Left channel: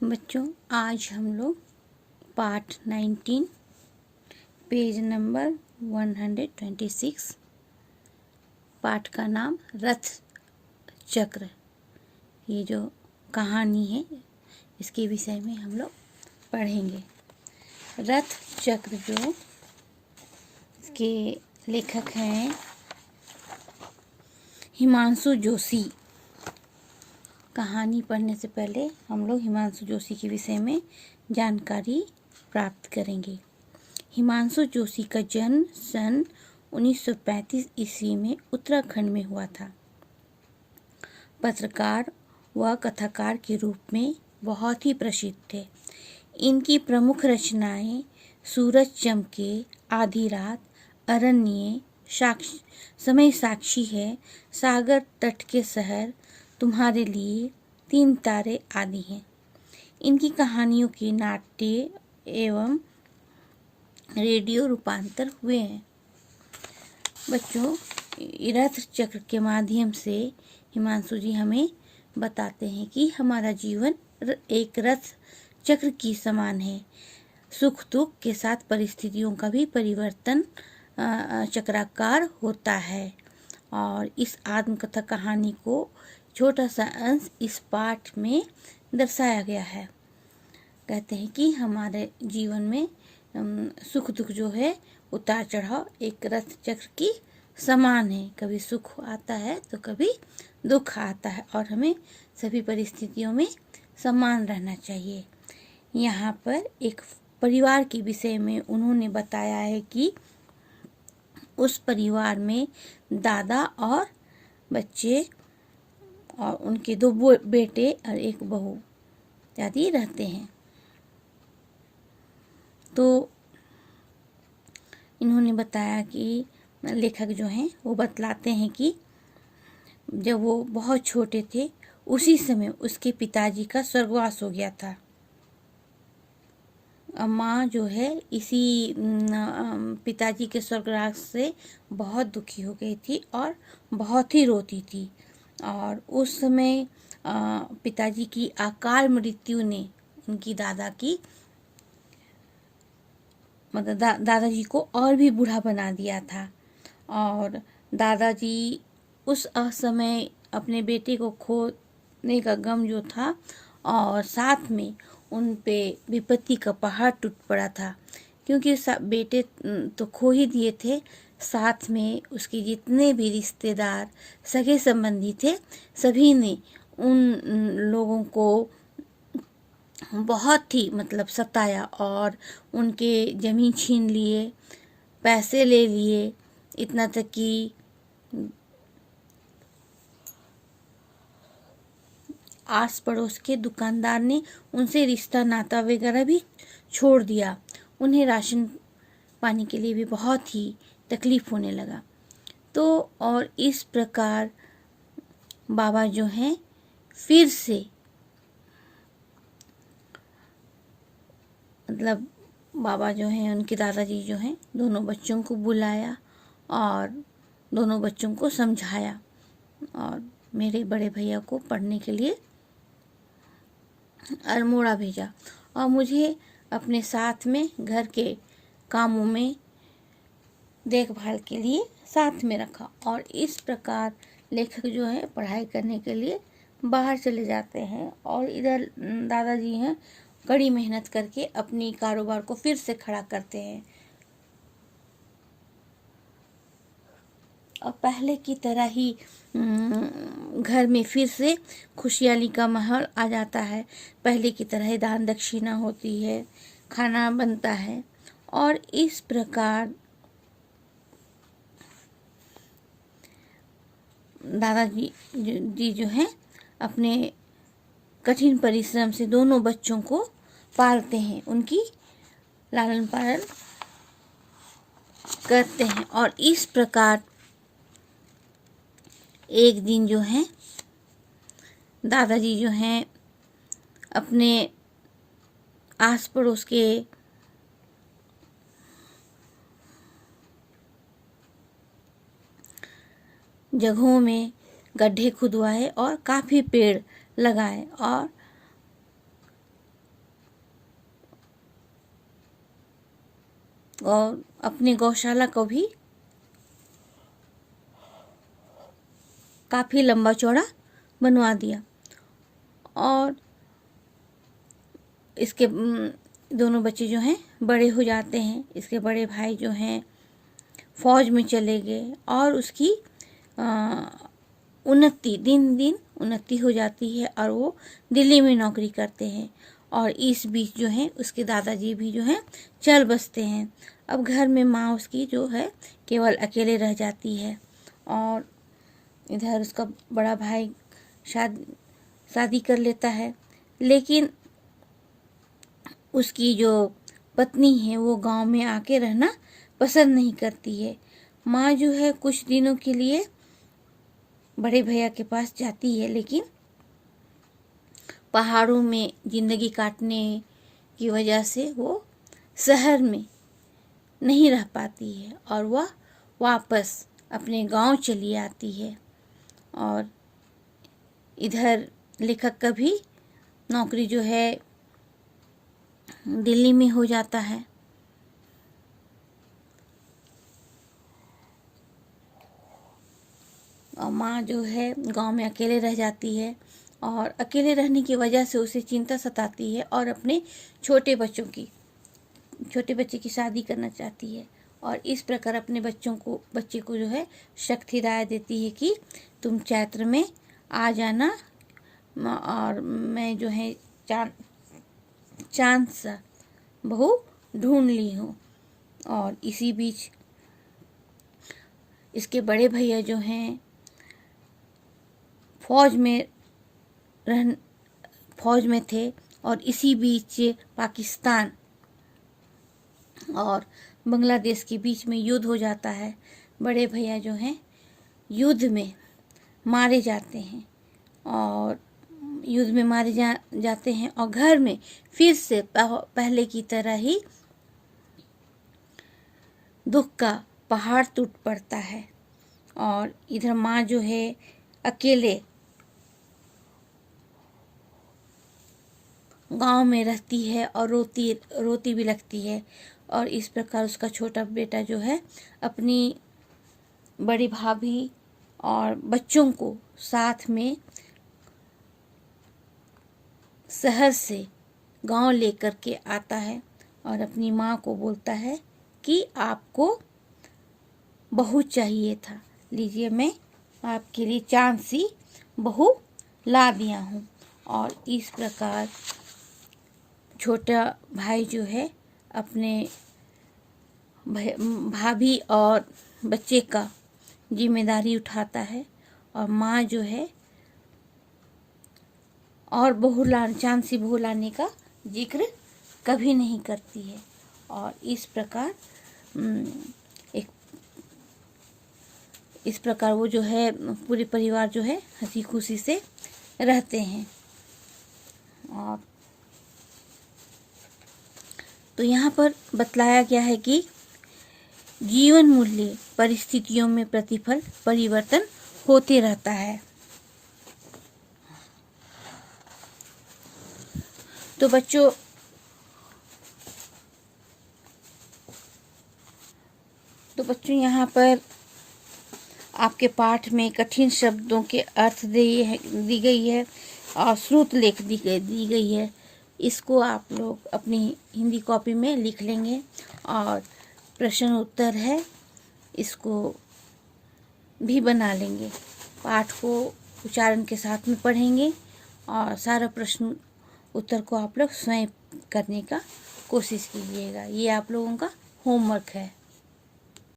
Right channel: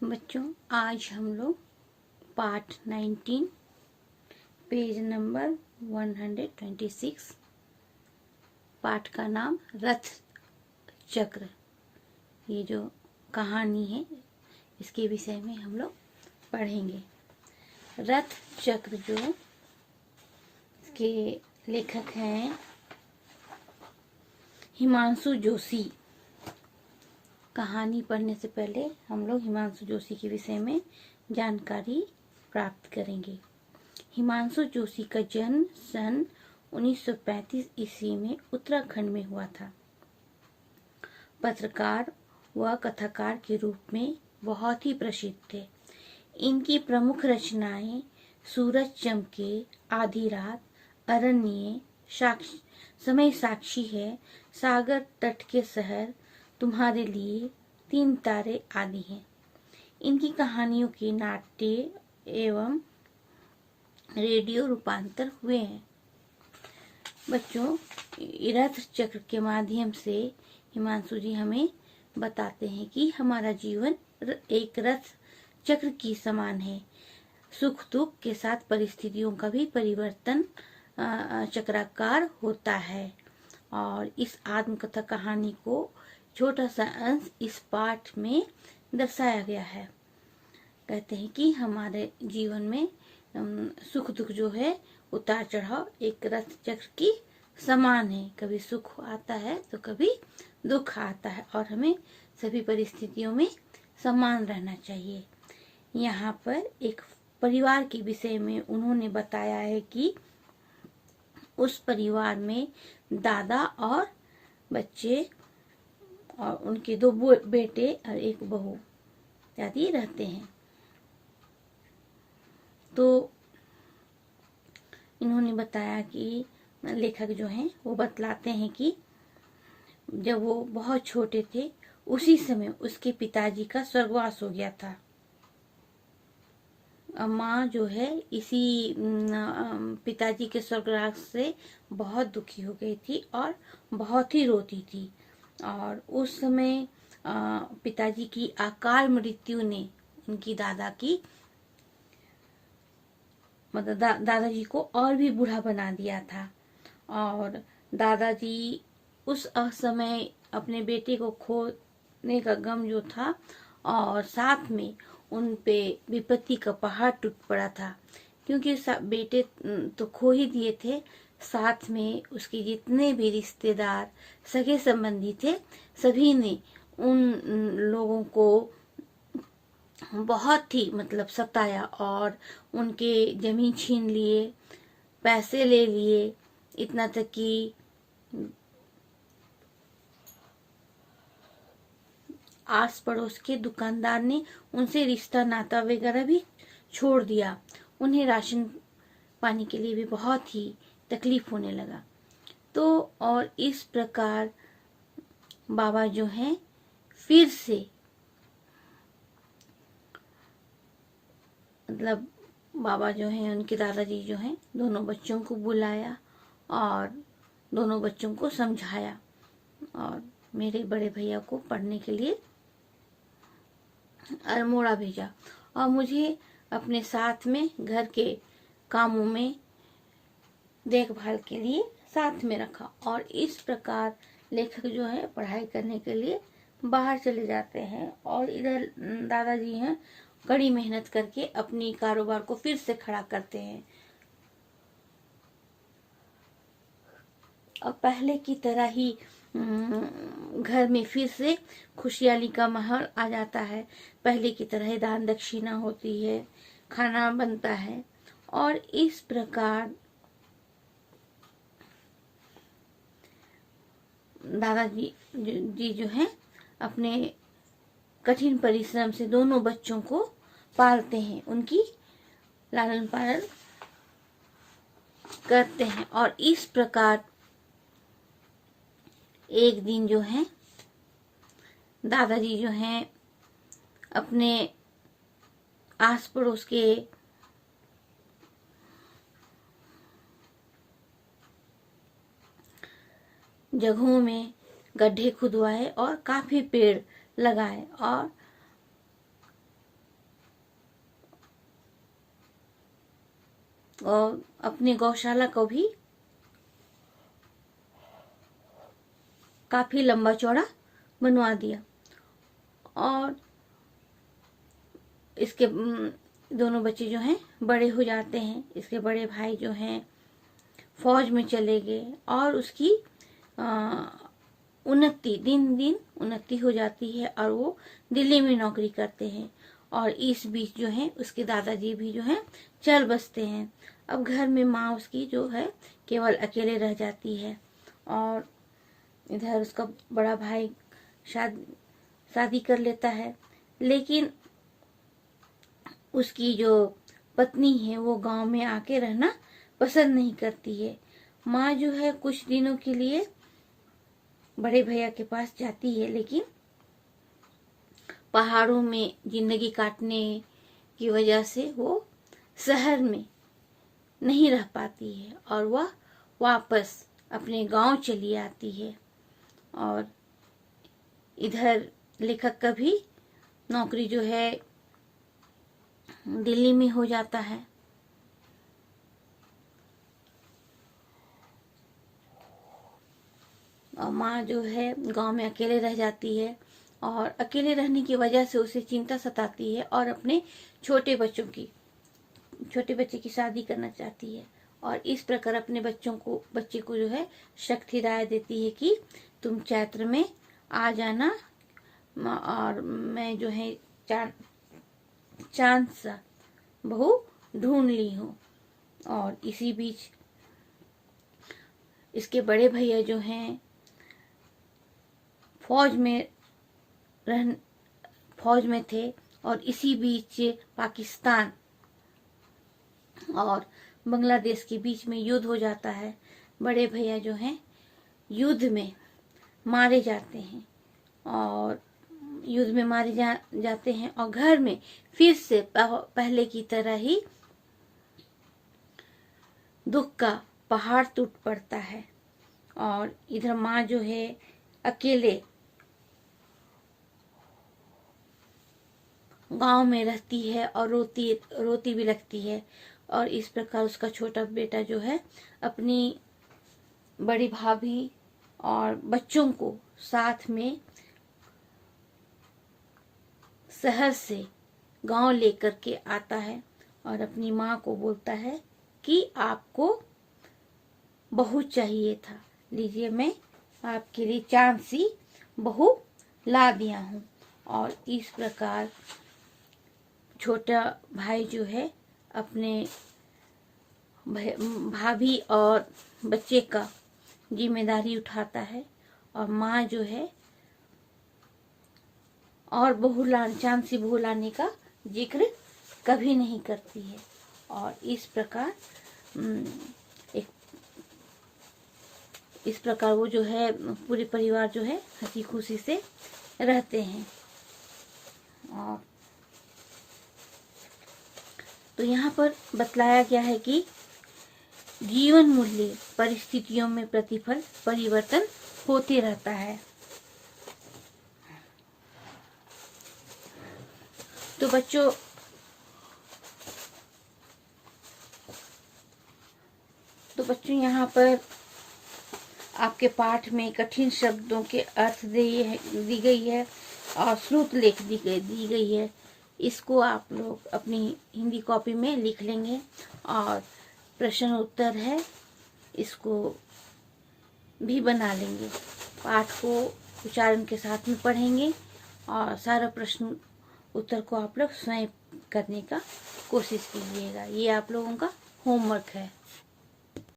बच्चों, आज हम लोग पार्ट 19 पेज नंबर 126 पाठ का नाम रथ चक्र, ये जो कहानी है इसके विषय में हम लोग पढ़ेंगे। रथ चक्र जो इसके लेखक हैं हिमांशु जोशी। कहानी पढ़ने से पहले हम लोग हिमांशु जोशी के विषय में जानकारी प्राप्त करेंगे। हिमांशु जोशी का जन्म सन 1935 ईस्वी में उत्तराखंड में हुआ था। पत्रकार व कथाकार के रूप में बहुत ही प्रसिद्ध थे। इनकी प्रमुख रचनाएं सूरज चमके, आधी रात, अरण्य, समय साक्षी है, सागर तट के शहर, तुम्हारे लिए, तीन तारे आदि हैं। इनकी कहानियों के नाट्य एवं रेडियो रूपांतर हुए हैं। बच्चों, रथ चक्र के माध्यम से हिमांशु जी हमें बताते हैं कि हमारा जीवन एक रथ चक्र की समान है। सुख दुख के साथ परिस्थितियों का भी परिवर्तन चक्राकार होता है। और इस आत्मकथा कहानी को छोटा सा अंश इस पाठ में दर्शाया गया है। कहते हैं कि हमारे जीवन में सुख दुख जो है, उतार चढ़ाव एक रथ चक्र की समान है। कभी सुख आता है तो कभी दुख आता है और हमें सभी परिस्थितियों में समान रहना चाहिए। यहाँ पर एक परिवार के विषय में उन्होंने बताया है कि उस परिवार में दादा और बच्चे और उनके दो बेटे और एक बहू इत्यादि रहते हैं। तो इन्होंने बताया कि लेखक जो हैं वो बतलाते हैं कि जब वो बहुत छोटे थे उसी समय उसके पिताजी का स्वर्गवास हो गया था। माँ जो है इसी पिताजी के स्वर्गवास से बहुत दुखी हो गई थी और बहुत ही रोती थी। और उस समय पिताजी की अकाल मृत्यु ने उनकी दादा की मतलब दादाजी को और भी बूढ़ा बना दिया था। और दादाजी उस समय अपने बेटे को खोने का गम जो था और साथ में उन पे विपत्ति का पहाड़ टूट पड़ा था, क्योंकि बेटे तो खो ही दिए थे, साथ में उसके जितने भी रिश्तेदार सगे संबंधी थे सभी ने उन लोगों को बहुत ही मतलब सताया और उनके जमीन छीन लिए, पैसे ले लिए, इतना तक कि आस पड़ोस के दुकानदार ने उनसे रिश्ता नाता वगैरह भी छोड़ दिया। उन्हें राशन पानी के लिए भी बहुत ही तकलीफ होने लगा। तो और इस प्रकार बाबा जो हैं फिर से मतलब बाबा जो हैं उनके दादाजी जो हैं दोनों बच्चों को बुलाया और दोनों बच्चों को समझाया और मेरे बड़े भैया को पढ़ने के लिए अल्मोड़ा भेजा और मुझे अपने साथ में घर के कामों में देखभाल के लिए साथ में रखा। और इस प्रकार लेखक जो है पढ़ाई करने के लिए बाहर चले जाते हैं और इधर दादाजी हैं कड़ी मेहनत करके अपनी कारोबार को फिर से खड़ा करते हैं और पहले की तरह ही घर में फिर से खुशहाली का माहौल आ जाता है। पहले की तरह ही दान दक्षिणा होती है, खाना बनता है और इस प्रकार दादाजी जी जो हैं अपने कठिन परिश्रम से दोनों बच्चों को पालते हैं, उनकी लालन पालन करते हैं। और इस प्रकार एक दिन जो है दादाजी जो हैं अपने आस पड़ोस के जगहों में गड्ढे खुदवाए और काफी पेड़ लगाए और और अपनी गौशाला को भी काफ़ी लंबा चौड़ा बनवा दिया। और इसके दोनों बच्चे जो हैं बड़े हो जाते हैं। इसके बड़े भाई जो हैं फौज में चले गए और उसकी उन्नति दिन दिन उन्नति हो जाती है और वो दिल्ली में नौकरी करते हैं। और इस बीच जो है उसके दादाजी भी जो है चल बसते हैं। अब घर में माँ उसकी जो है केवल अकेले रह जाती है। और इधर उसका बड़ा भाई शादी कर लेता है, लेकिन उसकी जो पत्नी है वो गांव में आके रहना पसंद नहीं करती है। माँ जो है कुछ दिनों के लिए बड़े भैया के पास जाती है, लेकिन पहाड़ों में जिंदगी काटने की वजह से वो शहर में नहीं रह पाती है और वह वापस अपने गांव चली आती है। और इधर लेखक का भी नौकरी जो है दिल्ली में हो जाता है। और माँ जो है गांव में अकेले रह जाती है और अकेले रहने की वजह से उसे चिंता सताती है और अपने छोटे बच्चे की शादी करना चाहती है। और इस प्रकार अपने बच्चे को जो है शक्ति राय देती है कि तुम चैत्र में आ जाना और मैं जो है चांद सा बहू ढूंढ ली हूँ। और इसी बीच इसके बड़े भैया जो हैं फौज में थे और इसी बीच पाकिस्तान और बांग्लादेश के बीच में युद्ध हो जाता है। बड़े भैया जो हैं युद्ध में मारे जाते हैं और जाते हैं और घर में फिर से पहले की तरह ही दुख का पहाड़ टूट पड़ता है। और इधर माँ जो है अकेले गांव में रहती है और रोती भी लगती है। और इस प्रकार उसका छोटा बेटा जो है अपनी बड़ी भाभी और बच्चों को साथ में शहर से गांव लेकर के आता है और अपनी माँ को बोलता है कि आपको बहू चाहिए था, लीजिए मैं आपके लिए चांद सी बहू ला दिया हूँ। और इस प्रकार छोटा भाई जो है अपने भाभी और बच्चे का जिम्मेदारी उठाता है और माँ जो है और चांद सी बहू लाने का जिक्र कभी नहीं करती है। और इस प्रकार वो जो है पूरे परिवार जो है हंसी खुशी से रहते हैं। और तो यहाँ पर बतलाया गया है कि जीवन मूल्य परिस्थितियों में प्रतिफल परिवर्तन होते रहता है। तो बच्चों यहाँ पर आपके पाठ में कठिन शब्दों के अर्थ दी गई है और श्रुत लेख दी गई है। इसको आप लोग अपनी हिंदी कॉपी में लिख लेंगे और प्रश्न उत्तर है इसको भी बना लेंगे। पाठ को उच्चारण के साथ में पढ़ेंगे और सारा प्रश्न उत्तर को आप लोग स्वयं करने का कोशिश कीजिएगा। ये आप लोगों का होमवर्क है।